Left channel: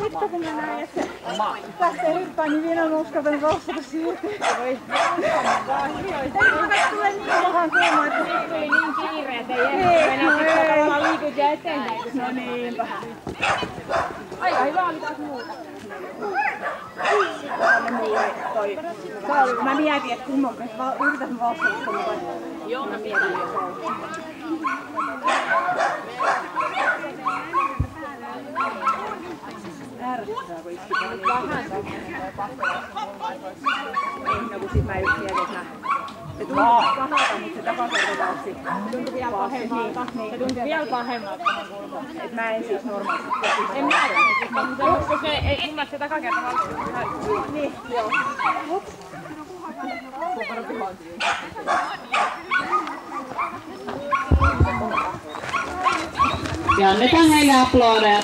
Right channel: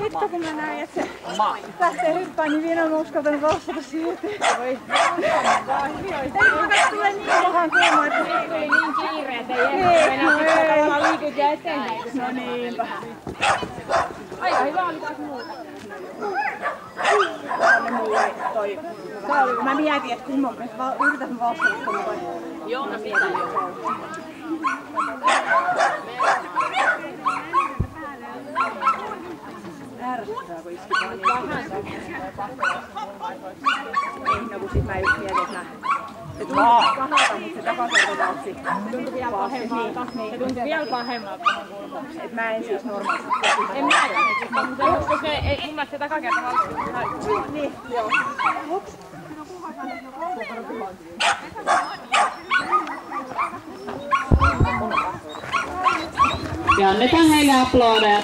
Hitto kun mä näin, että se lähtee hyppään, niin vielä on uskaltanut vastata siihen. Ei mukaan tule niin pahan kuuma, että se tuli niin kiire, että ei enää sitten tavallaan liikut ja eteenpäin. No niinpä. Aika hyvä oli taas muuta. Mä mietin, että kumman yritän vastata. Joo, mä mietin. Ärsyttää, kun iski vaan niin no kun sit mä just mietin, että se tuntui pahalta, mutta se takakertatautsi. Se tuntui vielä pahemmalta. Se tuntui vielä pahemmalta. Et mä en siis normaalisti. En mäkään. Koska ei mun se takakertatautsi. Niin, joo. Ups. Ja annetaan heille aplodeja.